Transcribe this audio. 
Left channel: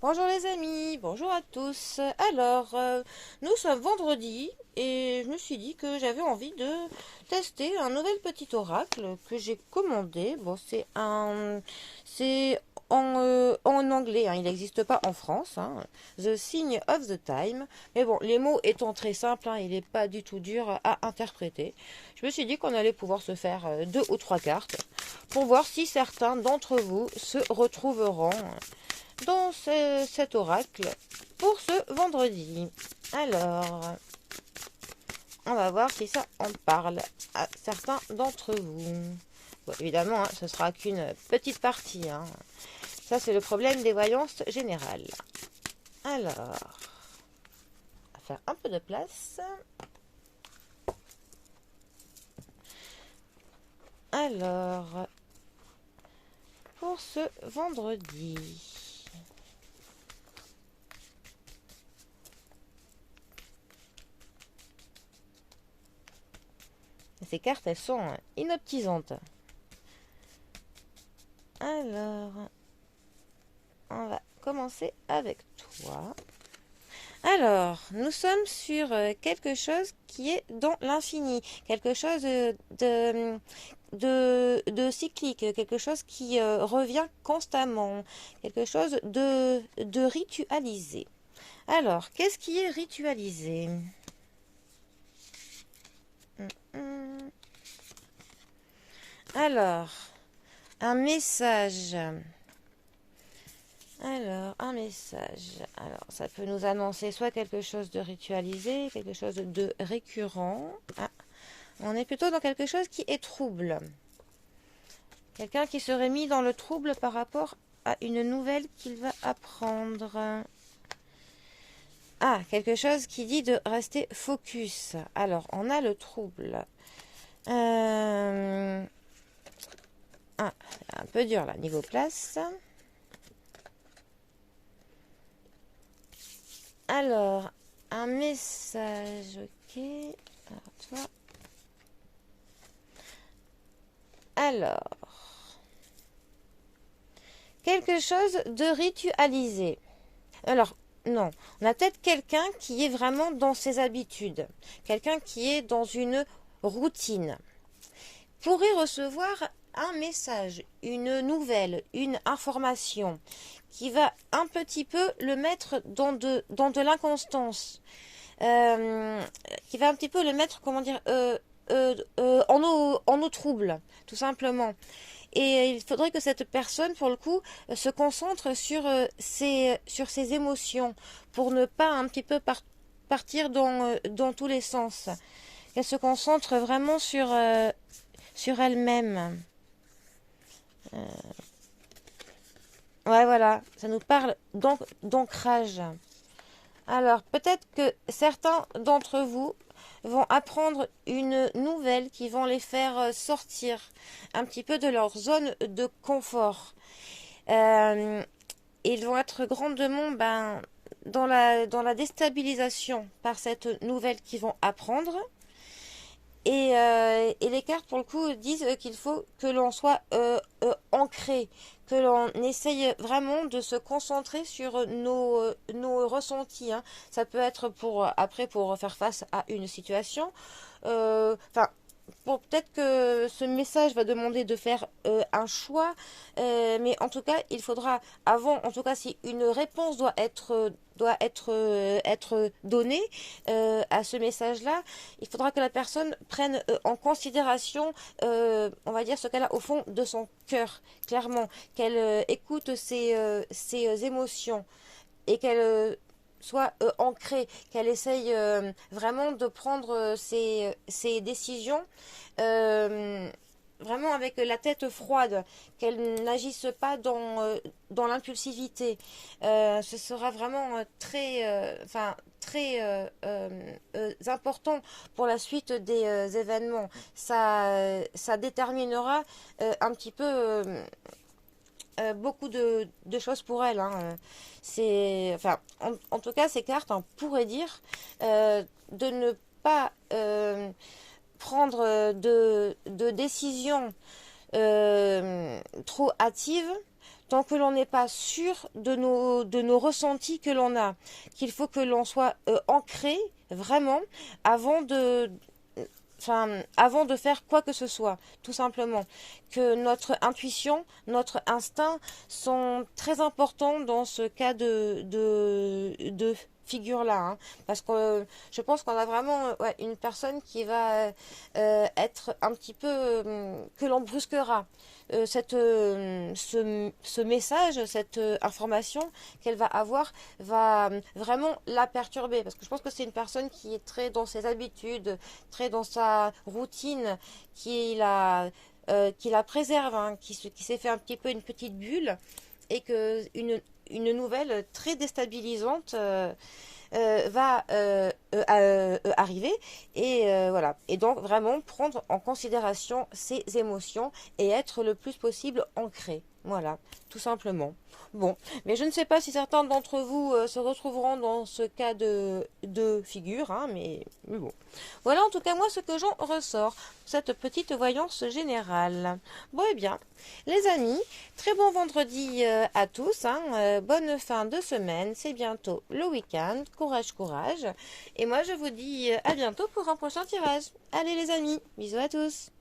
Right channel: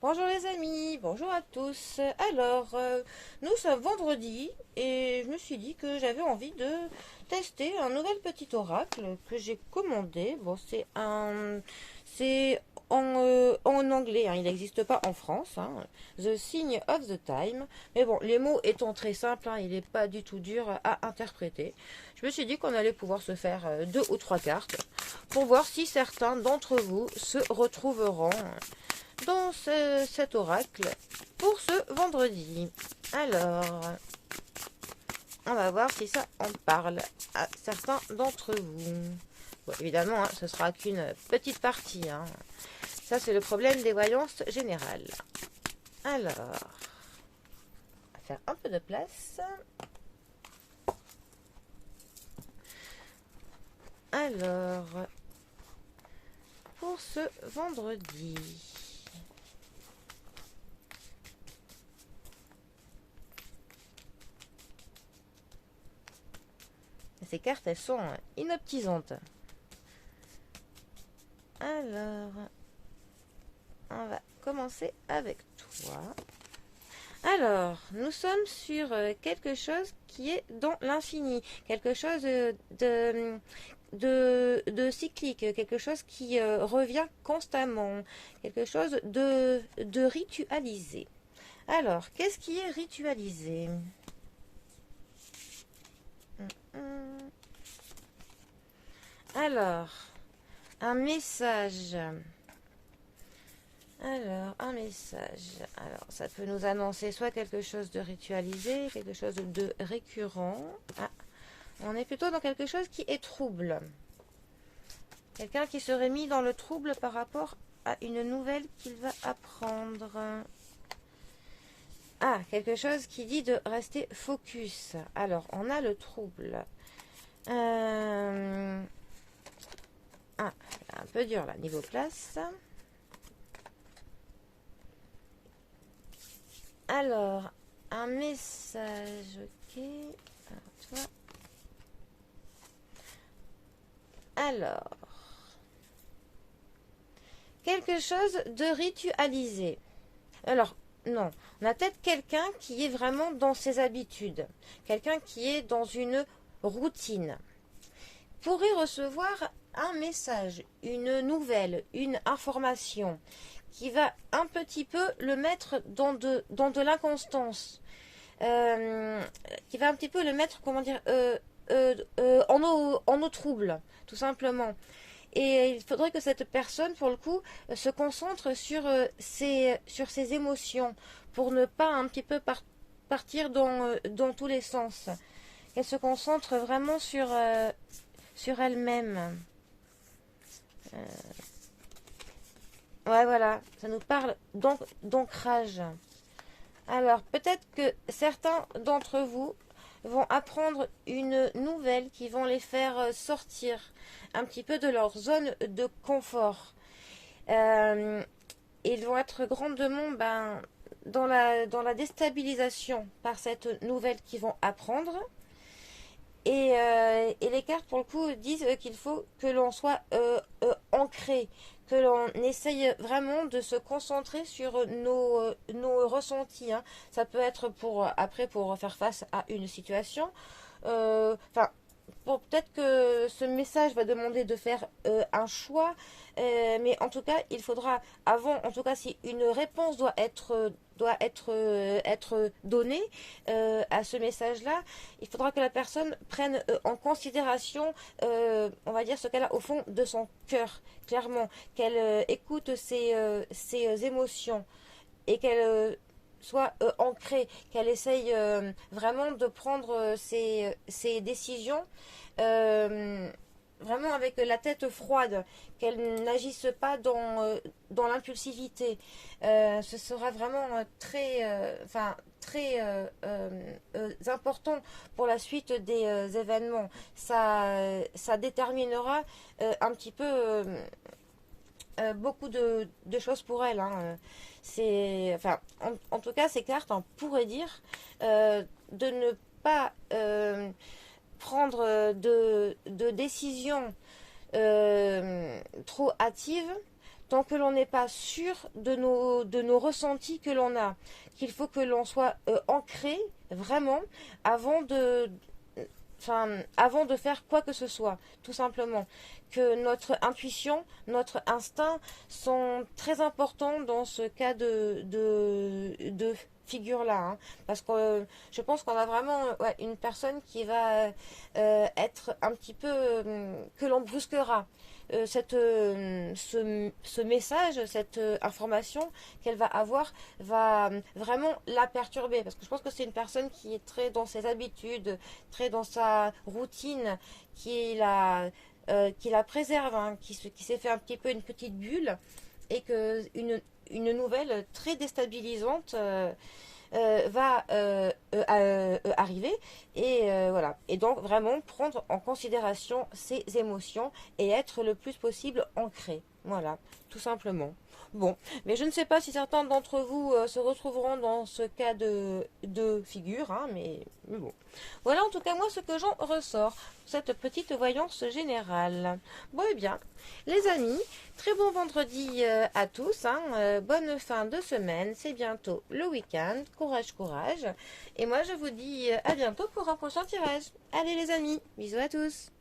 Bonjour les amis, bonjour à tous. Alors, nous sommes vendredi et je me suis dit que j'avais envie de tester un nouvel petit oracle que j'ai commandé. Bon, c'est en anglais, hein, il n'existe pas en France, hein. The Sign of the Time. Mais bon, les mots étant très simples, hein, il n'est pas du tout dur à interpréter. Je me suis dit qu'on allait pouvoir se faire deux ou trois cartes pour voir si certains d'entre vous se retrouveront dans cet oracle pour ce vendredi. Alors, on va voir si ça en parle à certains d'entre vous. Bon, évidemment, hein, ce sera qu'une petite partie, hein. Ça, c'est le problème des voyances générales. Alors, on va faire un peu de place. Alors, pour ce vendredi. Ces cartes, elles sont inoptisantes. Alors, on va commencer avec toi. Alors, nous sommes sur quelque chose qui est dans l'infini, quelque chose de cyclique, quelque chose qui revient constamment, quelque chose de ritualisé. Alors, qu'est-ce qui est ritualisé? Alors, un message. Alors, un message. Alors, ça peut nous annoncer soit quelque chose de ritualisé, quelque chose de récurrent. Ah, on est plutôt dans quelque chose qui est trouble. Quelqu'un qui serait mis dans le trouble par rapport à une nouvelle qu'il va apprendre. Ah, quelque chose qui dit de rester focus. Alors, on a le trouble. Ah, un peu dur là, niveau place. Alors, un message, ok. Alors, toi. Alors, quelque chose de ritualisé. Alors, non, on a peut-être quelqu'un qui est vraiment dans ses habitudes, quelqu'un qui est dans une routine. Pour y recevoir un message, une nouvelle, une information qui va un petit peu le mettre dans de l'inconstance, qui va un petit peu le mettre, comment dire, en eau trouble, tout simplement. Et il faudrait que cette personne, pour le coup, se concentre sur ses émotions pour ne pas un petit peu partir dans tous les sens. Qu'elle se concentre vraiment sur elle-même. Ouais, voilà, ça nous parle d'ancrage. Alors, peut-être que certains d'entre vous vont apprendre une nouvelle qui vont les faire sortir un petit peu de leur zone de confort. Euh, ils vont être grandement dans la déstabilisation par cette nouvelle qu'ils vont apprendre. Et les cartes, pour le coup, disent qu'il faut que l'on soit ancré, que l'on essaye vraiment de se concentrer sur nos ressentis, hein. Ça peut être après pour faire face à une situation. Enfin, peut-être que ce message va demander de faire un choix, mais en tout cas, il faudra avant, en tout cas, si une réponse être donnée à ce message-là, il faudra que la personne prenne en considération, on va dire, ce qu'elle a au fond de son cœur, clairement, qu'elle écoute ses émotions et qu'elle soit ancrée, qu'elle essaye vraiment de prendre ses décisions euh, vraiment avec la tête froide, qu'elle n'agisse pas dans l'impulsivité. Ce sera vraiment très important pour la suite des événements. Ça déterminera un petit peu beaucoup de choses pour elle, hein. En tout cas, ces cartes, on pourrait dire de ne pas prendre de décisions trop hâtives, tant que l'on n'est pas sûr de nos ressentis que l'on a, qu'il faut que l'on soit ancré vraiment avant de, avant de faire quoi que ce soit, tout simplement. Que notre intuition, notre instinct sont très importants dans ce cas de figure-là. Hein. Parce que je pense qu'on a vraiment une personne qui va être un petit peu que l'on brusquera. Ce message, cette information qu'elle va avoir va vraiment la perturber. Parce que je pense que c'est une personne qui est très dans ses habitudes, très dans sa routine, qui la préserve, hein, qui s'est fait un petit peu une petite bulle et que une nouvelle très déstabilisante va arriver et voilà. Et donc vraiment prendre en considération ses émotions et être le plus possible ancré. Voilà, tout simplement. Bon, mais je ne sais pas si certains d'entre vous se retrouveront dans ce cas de figure, hein, mais bon. Voilà en tout cas moi ce que j'en ressors, cette petite voyance générale. Bon et bien, les amis, très bon vendredi à tous, hein, bonne fin de semaine, c'est bientôt le week-end, courage, courage. Et moi je vous dis à bientôt pour un prochain tirage. Allez les amis, bisous à tous.